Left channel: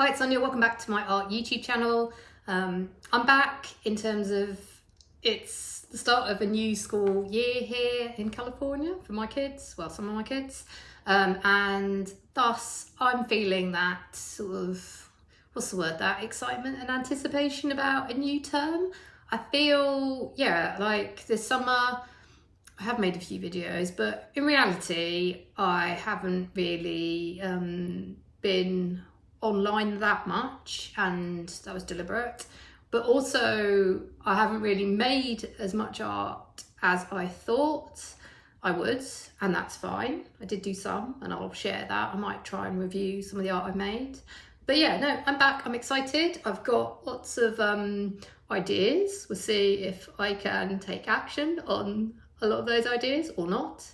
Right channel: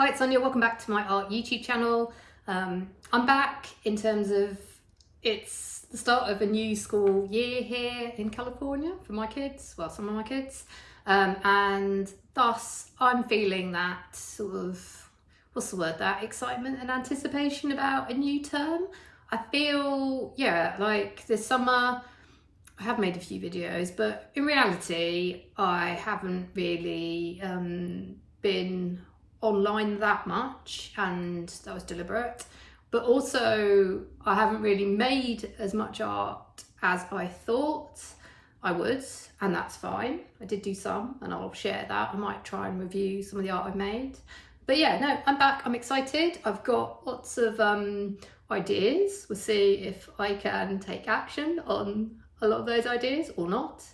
Hi, it's Sonia. Welcome back to my art YouTube channel. I'm back in terms of it's the start of a new school year here in California for my kids, well, some of my kids, and thus I'm feeling that sort of, what's the word, that excitement and anticipation about a new term. I feel, yeah, like this summer I have made a few videos, but in reality I haven't really been online that much, and that was deliberate. But also I haven't really made as much art as I thought I would, and that's fine. I did do some and I'll share that. I might try and review some of the art I've made. But yeah, no, I'm back, I'm excited. I've got lots of ideas. We'll see if I can take action on a lot of those ideas or not.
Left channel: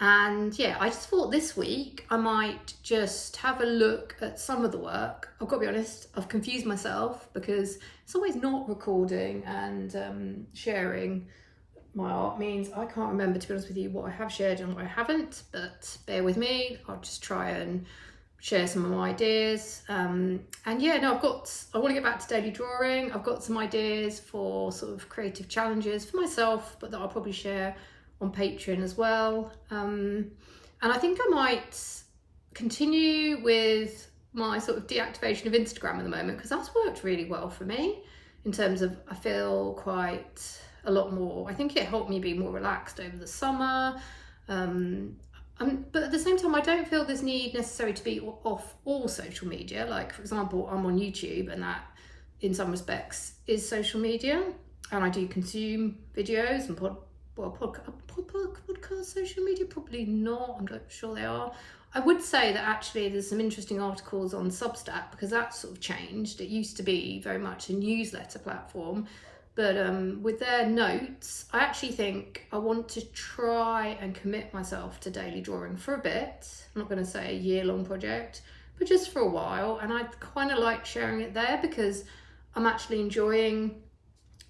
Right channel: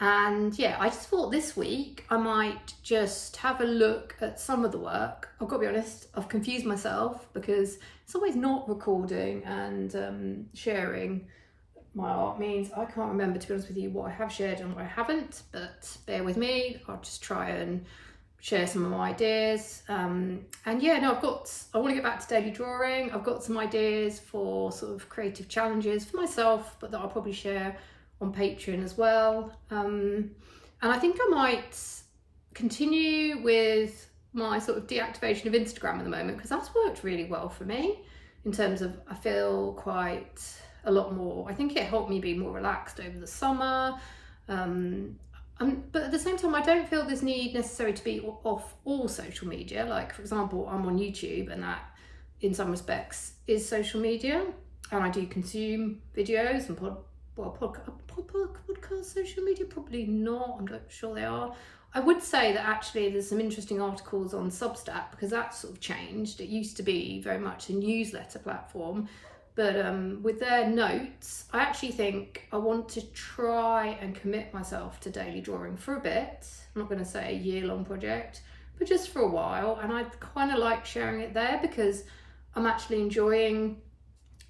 And yeah, I just thought this week I might just have a look at some of the work. I've got to be honest, I've confused myself because it's always not recording and sharing my art means I can't remember, to be honest with you, what I have shared and what I haven't, but bear with me. I'll just try and share some of my ideas. And yeah, no, I want to get back to daily drawing. I've got some ideas for sort of creative challenges for myself, but that I'll probably share on Patreon as well. And I think I might continue with my sort of deactivation of Instagram at the moment, because that's worked really well for me in terms of I feel quite a lot more. I think it helped me be more relaxed over the summer. But at the same time, I don't feel this need necessary to be off all social media. Like, for example, I'm on YouTube, and that in some respects is social media, and I do consume videos and podcast social media, probably not, I'm not sure they are. I would say that actually there's some interesting articles on Substack, because that's sort of changed. It used to be very much a newsletter platform, but with their notes, I actually think I want to try and commit myself to daily drawing for a bit. I'm not going to say a year-long project, but just for a while. And I kind of like sharing it there because I'm actually enjoying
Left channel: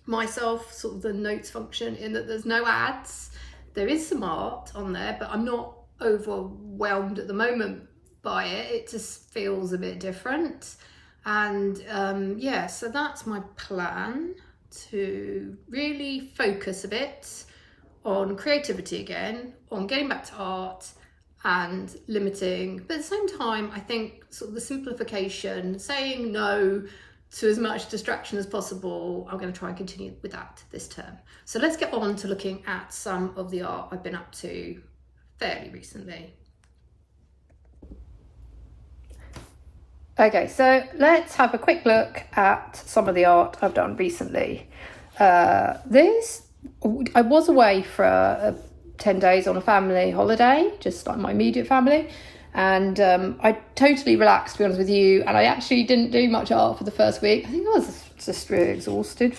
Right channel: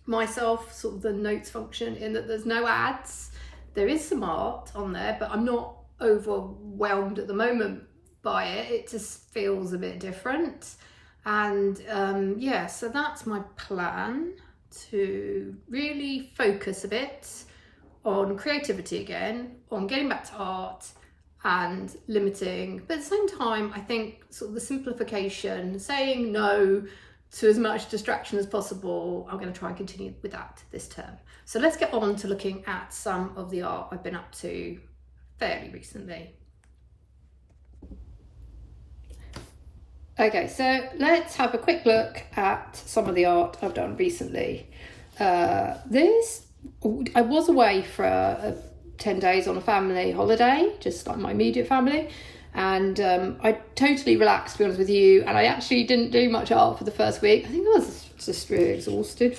myself, sort of the notes function, in that there's no ads. There is some art on there, but I'm not overwhelmed at the moment by it. It just feels a bit different. And yeah, so that's my plan, to really focus a bit on creativity again, on getting back to art and limiting, but at the same time I think sort of the simplification, saying no to as much distraction as possible. I'm going to try and continue with that this term. So let's get on to looking at some of the art I've been up to fairly recently. Okay, so let's have a quick look at some of the art I've done recently. I was away for 10 days on a family holiday, just like my immediate family. And I totally relaxed, to be honest with you, and I actually didn't do much art for the first week. I think I was just really exhausted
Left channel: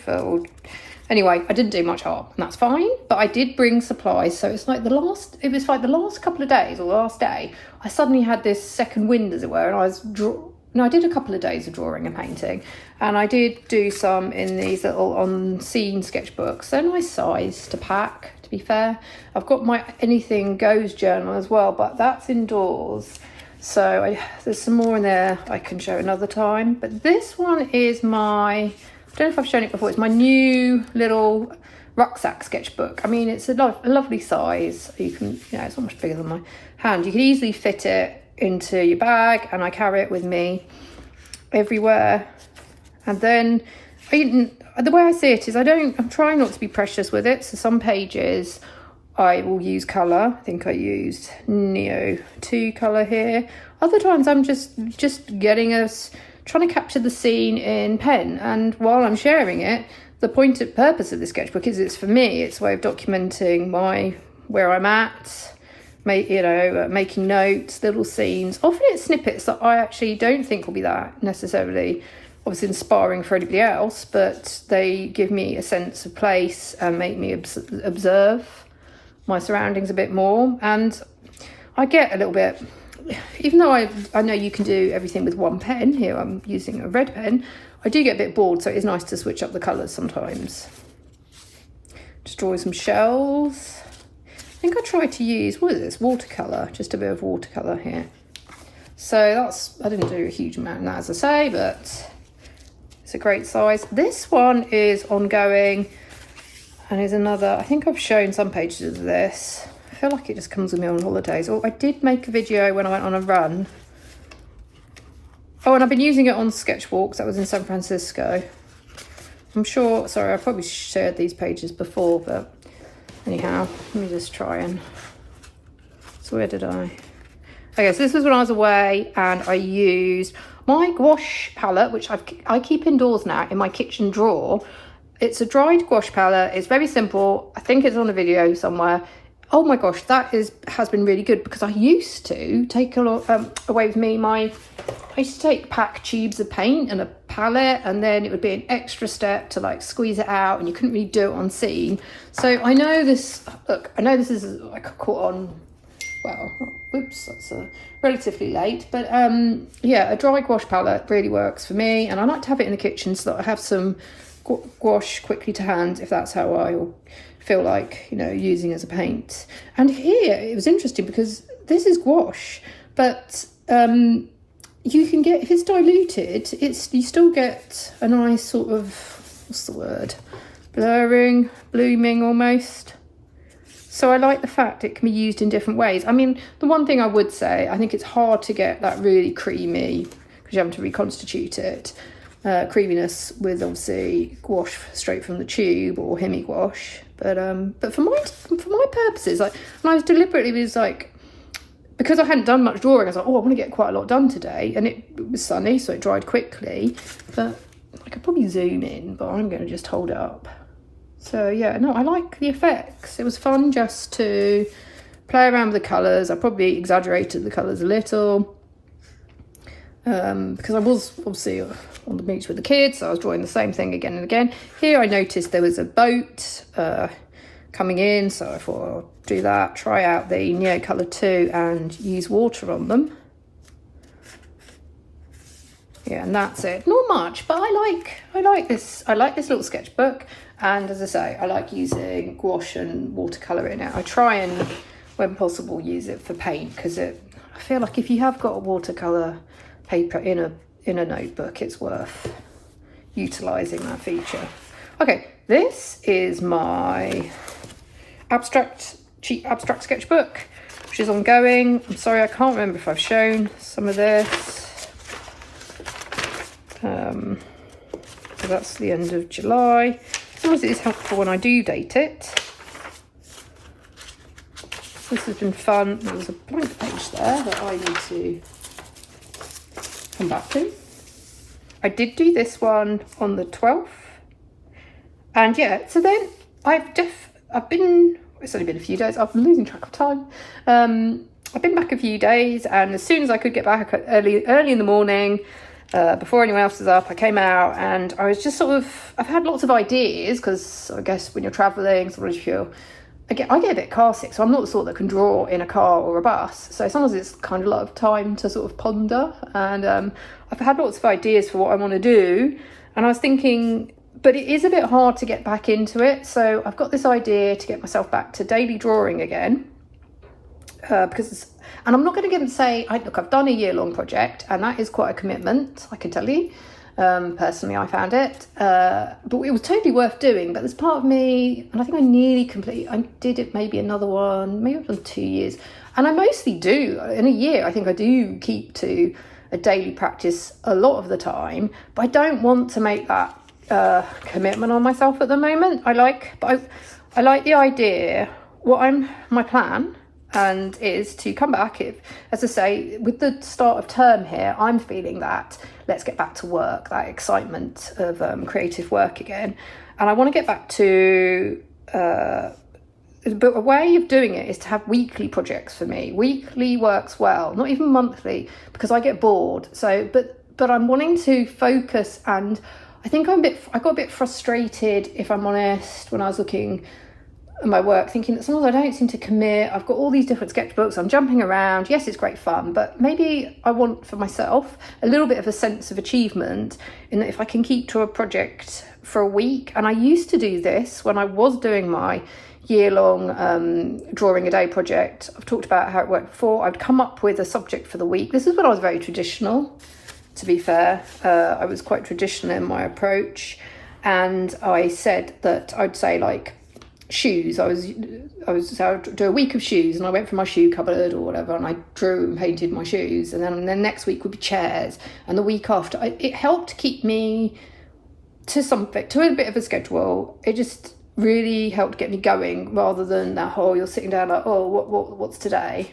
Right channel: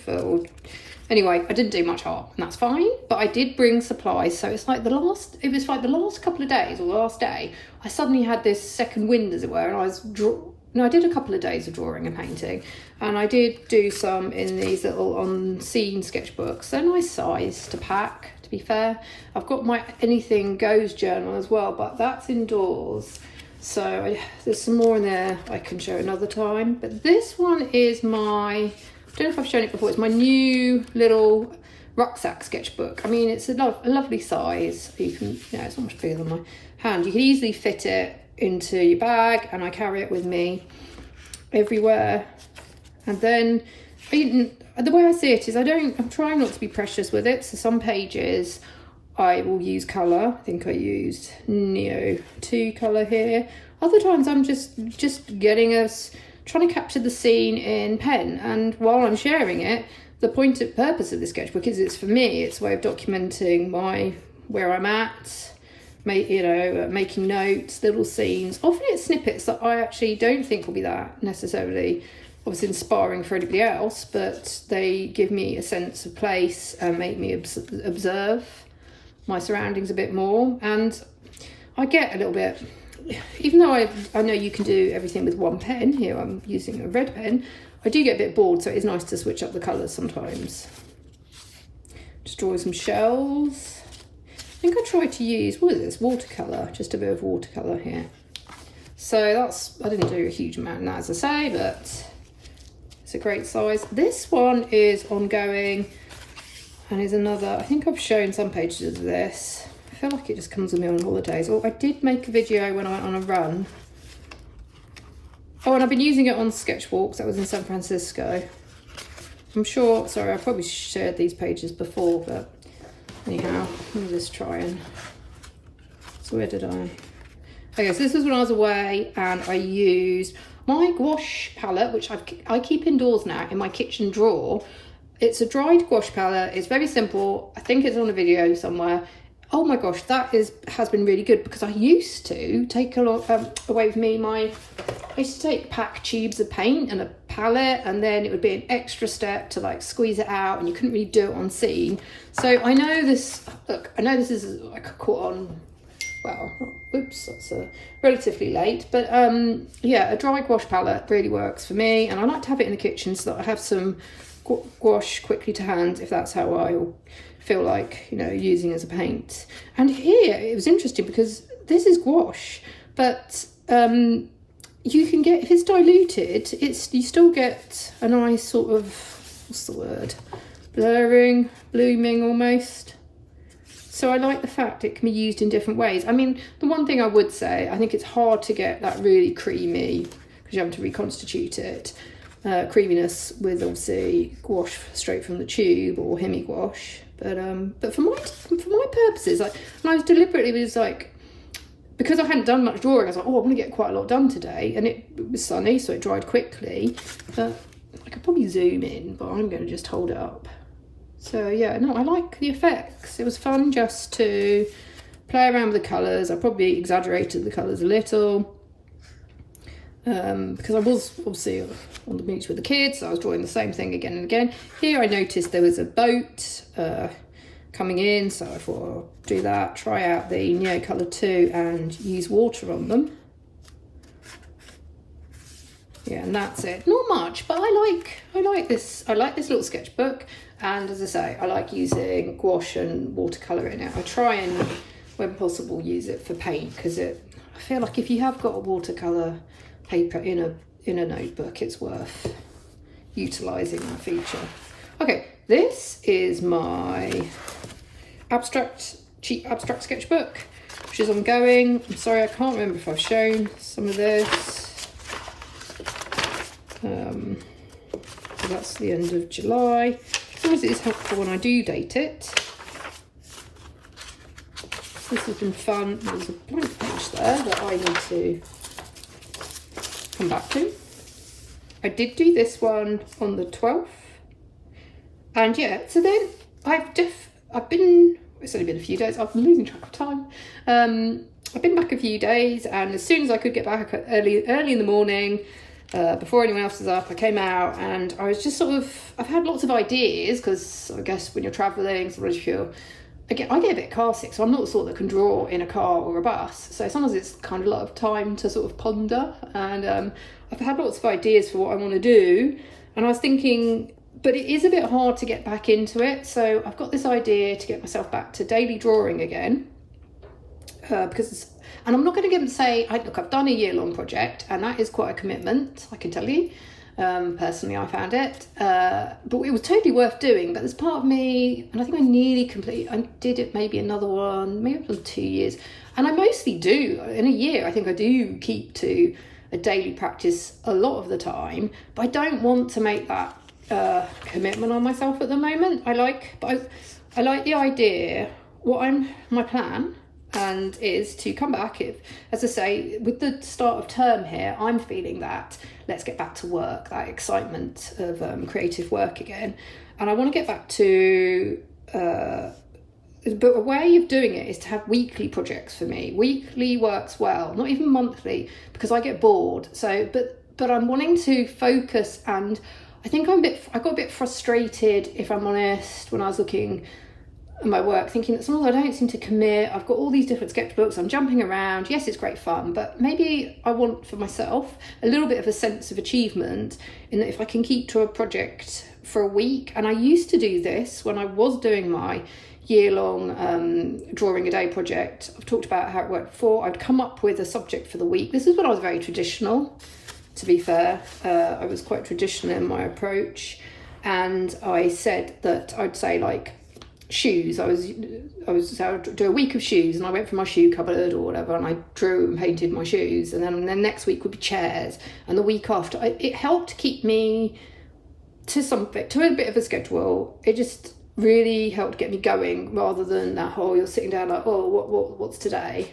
anyway, I didn't do much art, and that's fine, but I did bring supplies. So it was like the last couple of days, or the last day, I suddenly had this second wind, as it were, and I did a couple of days of drawing and painting, and I did do some in these little on-scene sketchbooks. They're nice size to pack, to be fair. I've got my Anything Goes journal as well, but that's indoors. So there's some more in there I can show another time. But this one is I don't know if I've shown it before, it's my new little rucksack sketchbook. I mean, it's a lovely size. You can, it's almost bigger than my hand. You can easily fit it into your bag, and I carry it with me everywhere. And then the way I see it is I'm trying not to be precious with it. So some pages I will use colour. I think I used Neo 2 colour here. Other times I'm just trying to capture the scene in pen. And while I'm sharing it, the purpose of the sketchbook is it's for me. It's a way of documenting where I'm at, making notes, little scenes. Often it's snippets that I actually don't think will be that necessarily obviously inspiring for anybody else, but they give me a sense of place and make me observe my surroundings a bit more. And I get a little bit, even though I know you can do everything with one pen, here I'm using a red pen, I do get a bit bored, so it is nice to switch up the colours sometimes. Just drawing some shells. I think I tried to use, what is this, watercolour, just a bit of watercolour here. So that's, I didn't do a huge amount in that, as I say, but it's a great size. This one is ongoing and is another, I think I've shown some pages of this. I feel like it just comes with me on holidays. Oh, I did make a video when I went on a run. Oh, and I've been using it on sketchbooks. That was in San Francisco. I'm sure, sorry, I probably shared these pages before, but anyhow, let me just try and, so where did I? Okay, so this was when I was away and I used my gouache palette, which I keep indoors now in my kitchen drawer. It's a dried gouache palette. It's very simple. I think it's on a video somewhere. Oh my gosh, that has been really good, because I used to take a lot away with me. I used to take pack tubes of paint and a palette, and then it would be an extra step to like squeeze it out, and you couldn't really do it on scene. So I know this. Look, I know this is like a caught on. Well, oops, that's relatively late, but yeah, a dry gouache palette really works for me, and I like to have it in the kitchen so that I have some gouache quickly to hand if that's how I feel like, you know, using as a paint. And here it was interesting because this is gouache, but you can get, if it's diluted, you still get a nice sort of, what's the word, blurring, blooming almost. So I like the fact it can be used in different ways. I mean, the one thing I would say, I think it's hard to get that really creamy, because you have to reconstitute it, creaminess with obviously gouache straight from the tube or hemi gouache. But for my purposes, like, and I was deliberately like, because I hadn't done much drawing, I was like, oh, I'm going to get quite a lot done today, and it was sunny, so it dried quickly. But I could probably zoom in, but I'm going to just hold it up. So yeah, no, I like the effects. It was fun just to play around with the colours. I probably exaggerated the colours a little because I was obviously on the beach with the kids, so I was drawing the same thing again and again. Here I noticed there was a boat coming in, so I thought I'll do that, try out the Neo Colour 2 and use water on them. Yeah, and that's it. Not much, but I like this little sketchbook. And as I say, I like using gouache and watercolour in it. I try and, when possible, use it for paint, because I feel like if you have got a watercolour paper in a notebook, it's worth utilising that feature. Okay, this is my cheap abstract sketchbook, which is ongoing. I'm sorry, I can't remember if I've shown some of this. So that's the end of July. Sometimes it is helpful when I do date it. So this has been fun. There's a blank page there that I need to come back to. I did do this one on the 12th. And yeah, so then it's only been a few days, I've been losing track of time. I've been back a few days, and as soon as I could get back early in the morning, before anyone else was up, I came out, and I was just I've had lots of ideas, because I guess when you're travelling, sometimes I get a bit car sick, so I'm not the sort that can draw in a car or a bus. So sometimes it's kind of a lot of time to sort of ponder, and I've had lots of ideas for what I want to do, and I was thinking, but it is a bit hard to get back into it. So I've got this idea to get myself back to daily drawing again, and I'm not going to say, look, I've done a year-long project, and that is quite a commitment, I can tell you. Personally, I found it. But it was totally worth doing. But there's part of me, and I think I nearly I did it maybe another one, maybe for 2 years. And I mostly do. In a year, I think I do keep to a daily practice a lot of the time. But I don't want to make that commitment on myself at the moment. I like the idea. My plan and is to come back, as I say, with the start of term here, I'm feeling that let's get back to work, that excitement of creative work again. And I want to get back to, but a way of doing it is to have weekly projects for me. Weekly works well, not even monthly, because I get bored. So, but I'm wanting to focus, and I think I got a bit frustrated, if I'm honest, when I was looking at my work, thinking that sometimes I don't seem to commit. I've got all these different sketchbooks, I'm jumping around. Yes, it's great fun, but maybe I want for myself a little bit of a sense of achievement in that if I can keep to a project for a week. And I used to do this when I was doing my year-long drawing a day project. I've talked about how it worked before. I'd come up with a subject for the week. This is when I was very traditional, to be fair. I was quite traditional in my approach, and I said that I'd say like shoes. I would do a week of shoes, and I went for my shoe cupboard or whatever, and I drew and painted my shoes, and then the next week would be chairs, and the week after. It helped keep me to a bit of a schedule. It just really helped get me going, rather than that whole you're sitting down like, oh, what's today?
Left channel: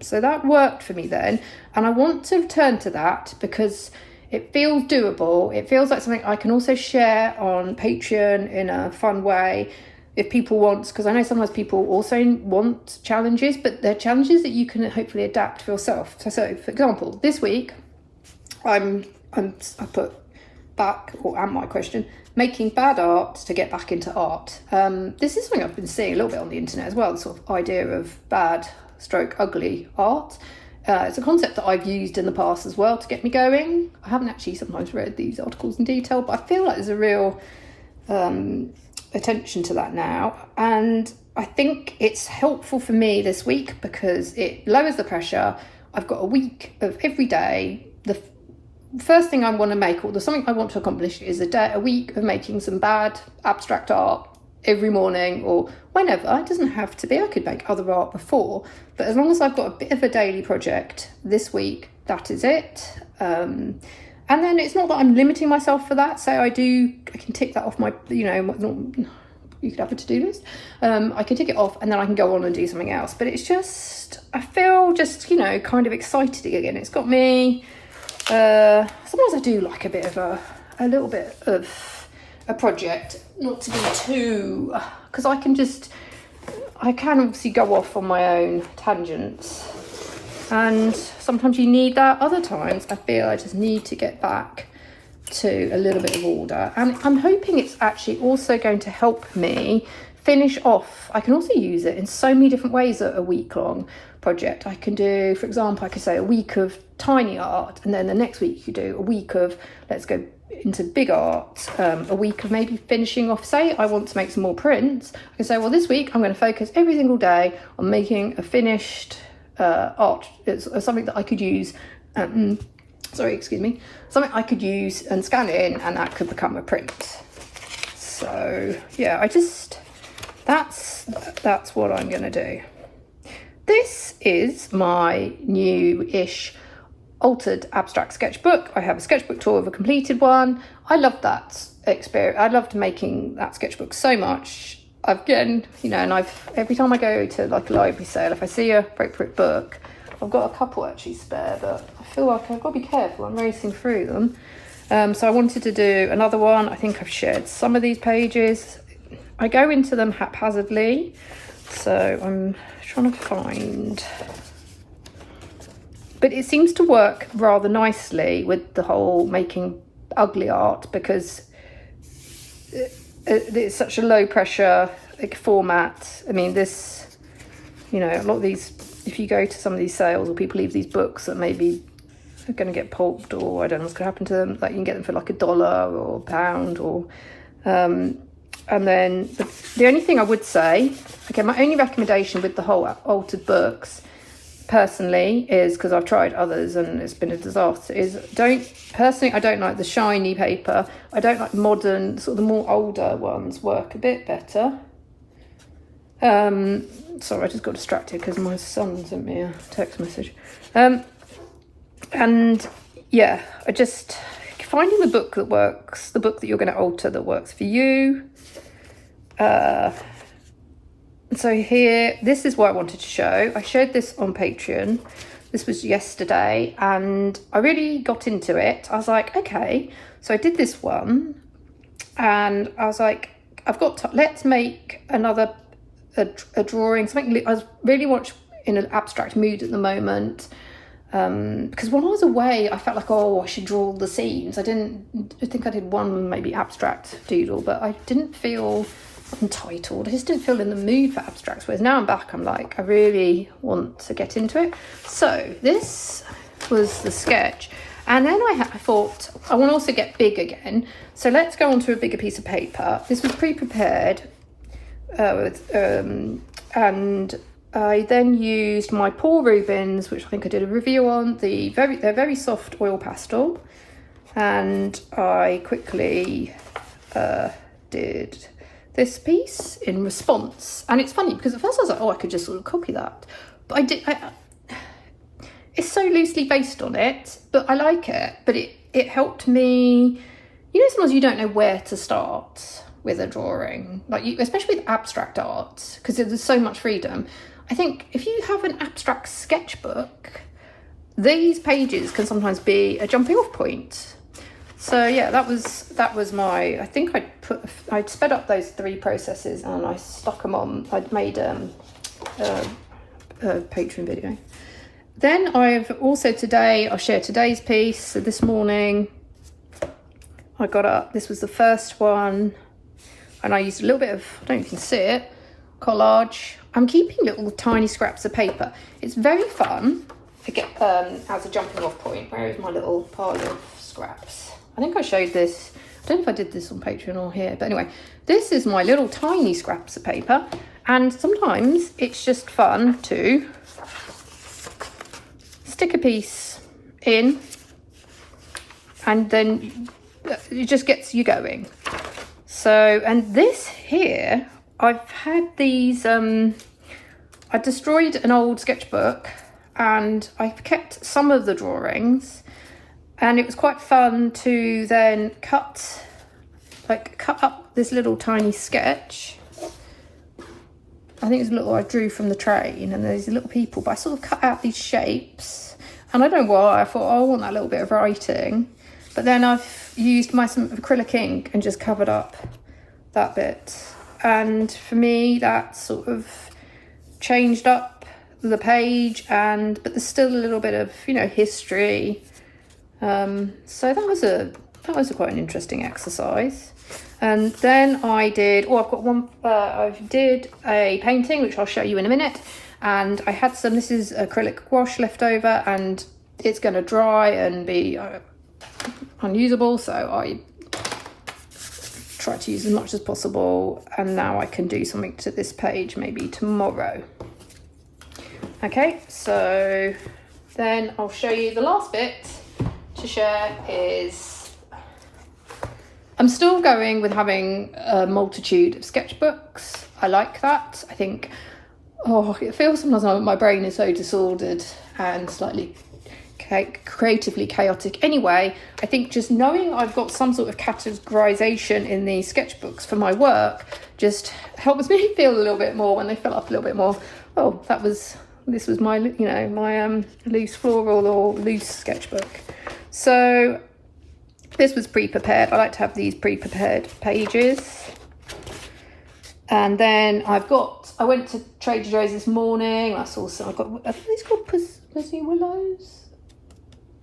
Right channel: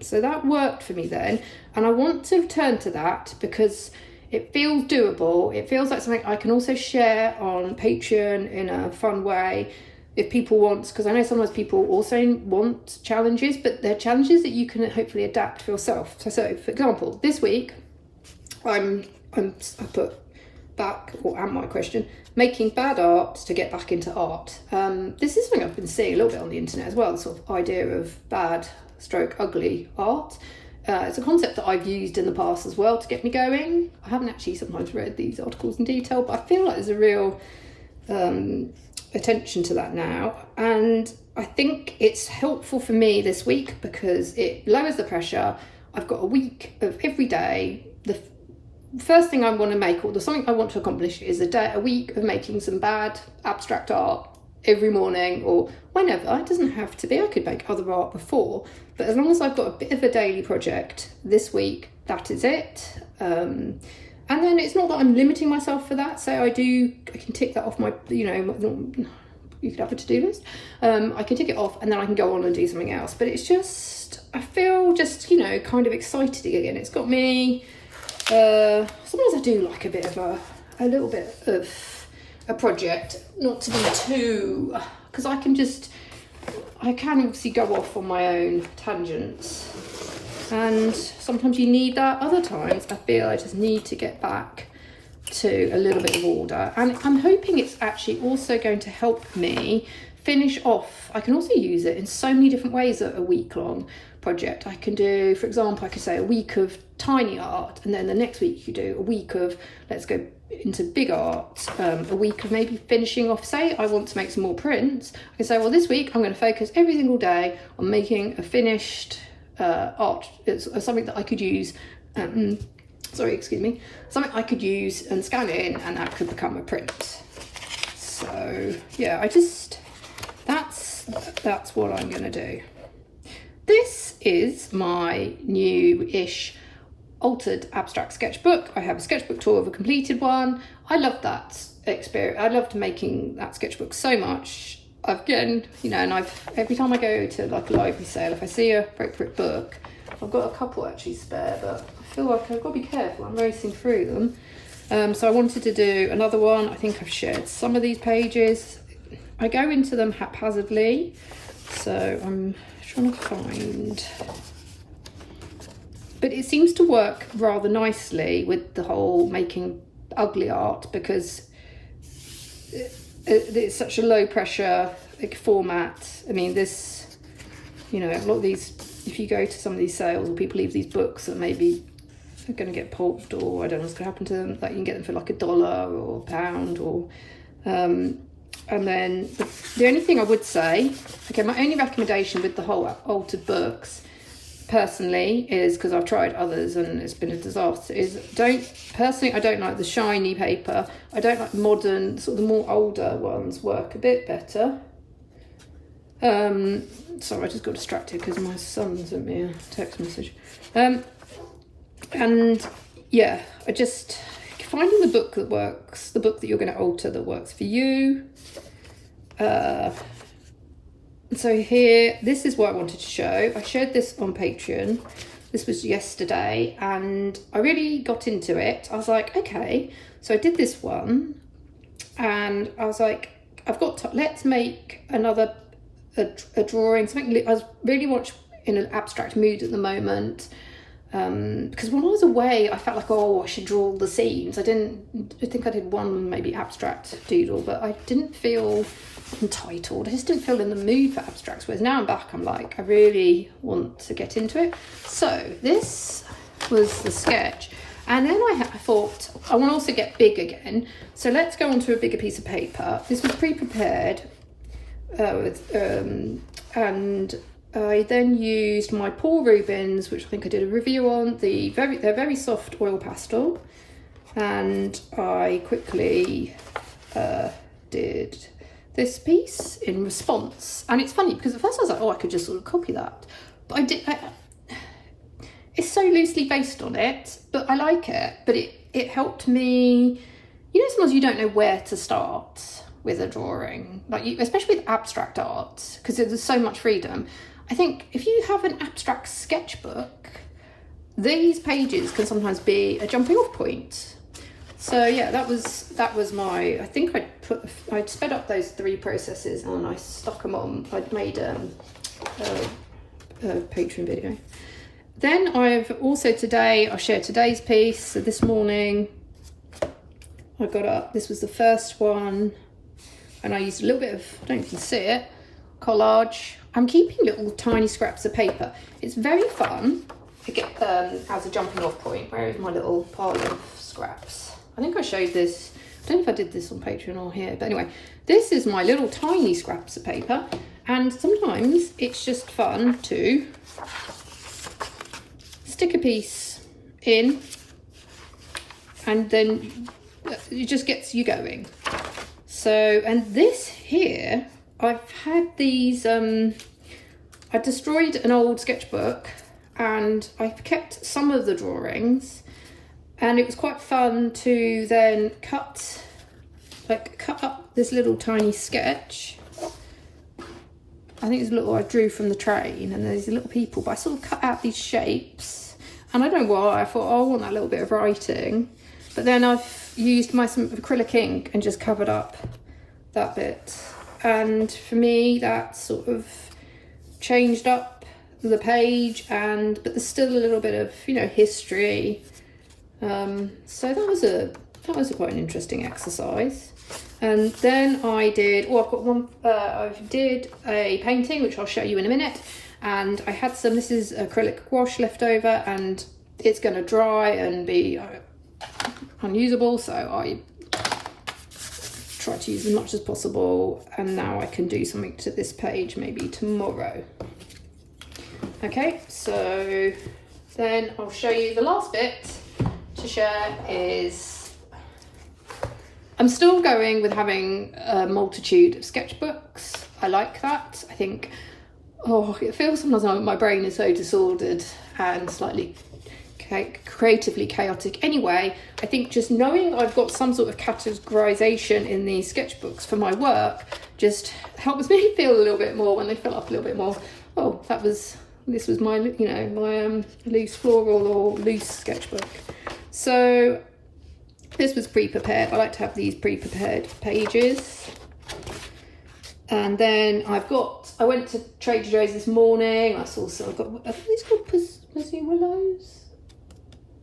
So that worked for me then, and I want to return to that because it feels doable. It feels like something I can also share on Patreon in a fun way if people want, because I know sometimes people also want challenges, but they're challenges that you can hopefully adapt for yourself. So for example, this week I put back, or am my question, making bad art to get back into art. This is something I've been seeing a little bit on the internet as well, the sort of idea of bad stroke ugly art. It's a concept that I've used in the past as well to get me going. I haven't actually sometimes read these articles in detail, but I feel like there's a real attention to that now, and I think it's helpful for me this week because it lowers the pressure. I've got a week of every day. The first thing I want to make, or something I want to accomplish, is a week of making some bad abstract art every morning or whenever. It doesn't have to be. I could make other art before, but as long as I've got a bit of a daily project this week, that is it. And then it's not that I'm limiting myself for that. So I can tick that off my, you could have a to-do list. I can tick it off and then I can go on and do something else. But it's just, I feel just, kind of excited again. It's got me, sometimes I do like a little bit of a project, not to be too, because I can obviously go off on my own tangents. And sometimes you need that. Other times I feel I just need to get back to a little bit of order. And I'm hoping it's actually also going to help me finish off. I can also use it in so many different ways at a week-long project. I can do, for example, I could say a week of tiny art, and then the next week you do a week of, let's go into big art, a week of maybe finishing off, say I want to make some more prints. I can say, well, this week I'm going to focus every single day on making a finished art. It's something that I could use, something I could use and scan it in, and that could become a print. So yeah, that's what I'm going to do. This is my new-ish altered abstract sketchbook. I have a sketchbook drawer of a completed one. I love that experience. I loved making that sketchbook so much. Every time I go to like a library sale, if I see a appropriate book, I've got a couple actually spare, but I feel like I've got to be careful. I'm racing through them. So I wanted to do another one. I think I've shared some of these pages. I go into them haphazardly, so I'm trying to find. But it seems to work rather nicely with the whole making ugly art, because it's such a low pressure format. I mean, this, a lot of these, if you go to some of these sales or people leave these books that maybe are going to get pulped, or I don't know what's going to happen to them, like you can get them for like $1 or £1, or and then the only thing I would say, okay, my only recommendation with the whole altered books personally is, because I've tried others and it's been a disaster, is I don't like the shiny paper. I don't like modern, sort of the more older ones work a bit better. Sorry, I just got distracted because my son sent me a text message. And yeah, I just finding the book that works, the book that you're going to alter that works for you. So here, this is what I wanted to show. I showed this on Patreon. This was yesterday, and I really got into it. I was like, okay, so I did this one, and I was like, let's make another a drawing, something I really want in an abstract mood at the moment. Because when I was away, I felt like, I should draw the scenes. I think I did one maybe abstract doodle, but I didn't feel entitled. I just didn't feel in the mood for abstracts. Whereas now I'm back, I'm like, I really want to get into it. So this was the sketch. And then I thought, I want to also get big again. So let's go onto a bigger piece of paper. This was pre-prepared. and I then used my Paul Rubens, which I think I did a review on. They're very soft oil pastel, and I quickly did this piece in response. And it's funny because at first I was like, oh, I could just sort of copy that, but it's so loosely based on it, but I like it. But it helped me, you know, sometimes you don't know where to start with a drawing, especially with abstract art, because there's so much freedom. I think if you have an abstract sketchbook, these pages can sometimes be a jumping off point. So yeah, that was my, I think I'd sped up those 3 processes and I stuck them on. I'd made a Patreon video. Then I've also I'll share today's piece. So this morning I got up, this was the first one, and I used a little bit of, I don't know if you can see it, collage. I'm keeping little tiny scraps of paper. It's very fun to get as a jumping off point. Where is my little pile of scraps? I think I showed this, I don't know if I did this on Patreon or here, but anyway, this is my little tiny scraps of paper, and sometimes it's just fun to stick a piece in, and then it just gets you going. So, and this here, I've had these, I destroyed an old sketchbook and I've kept some of the drawings, and it was quite fun to then cut up this little tiny sketch. I think it's a little I drew from the train, and there's little people, but I sort of cut out these shapes, and I don't know why, I thought, oh, I want that little bit of writing. But then I've used some acrylic ink and just covered up that bit. And for me, that sort of changed up the page, but there's still a little bit of, you know, history. So that was quite an interesting exercise. And then I did, I did a painting, which I'll show you in a minute. And I had this is acrylic gouache left over, and it's going to dry and be unusable. So I try to use as much as possible. And now I can do something to this page maybe tomorrow. Okay, so then I'll show you the last bit to share is, I'm still going with having a multitude of sketchbooks. I like that. I think, it feels sometimes like my brain is so disordered and slightly creatively chaotic. Anyway, I think just knowing I've got some sort of categorization in these sketchbooks for my work just helps me feel a little bit more, when they fill up a little bit more, oh, this was my, you know, my loose floral or loose sketchbook. So this was pre-prepared. I like to have these pre-prepared pages. And then I went to Trader Joe's this morning. I saw some, are these called pussy willows?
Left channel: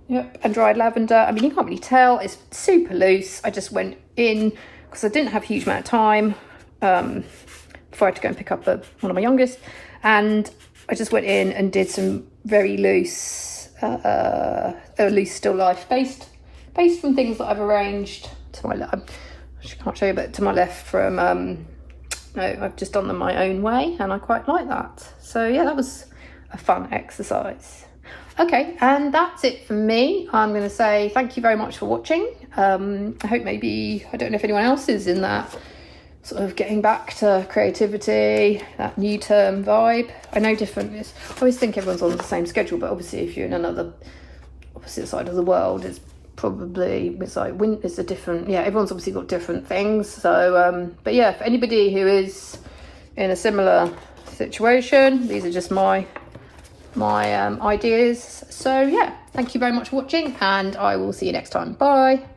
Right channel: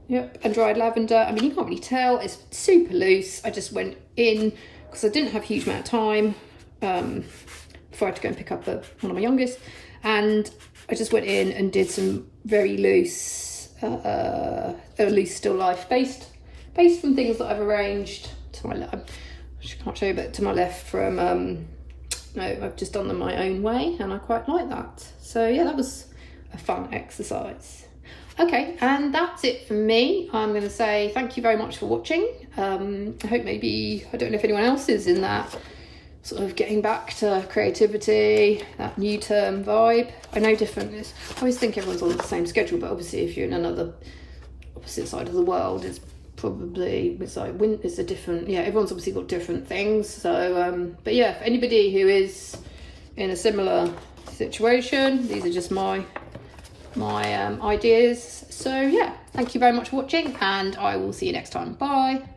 Yep, and dried lavender. I mean, you can't really tell, it's super loose. I just went in because I didn't have a huge amount of time before I had to go and pick up one of my youngest. And I just went in and did some very loose, loose still life based from things that I've arranged to my left. I can't show you, but to my left from, I've just done them my own way, and I quite like that. So yeah, that was a fun exercise. Okay, and that's it for me. I'm going to say thank you very much for watching. I hope maybe, I don't know if anyone else is in that sort of getting back to creativity, that new term vibe. I know I always think everyone's on the same schedule, but obviously if you're in another opposite side of the world, it's a different, everyone's obviously got different things. So, but yeah, for anybody who is in a similar situation, these are just my ideas. So yeah, thank you very much for watching, and I will see you next time. Bye.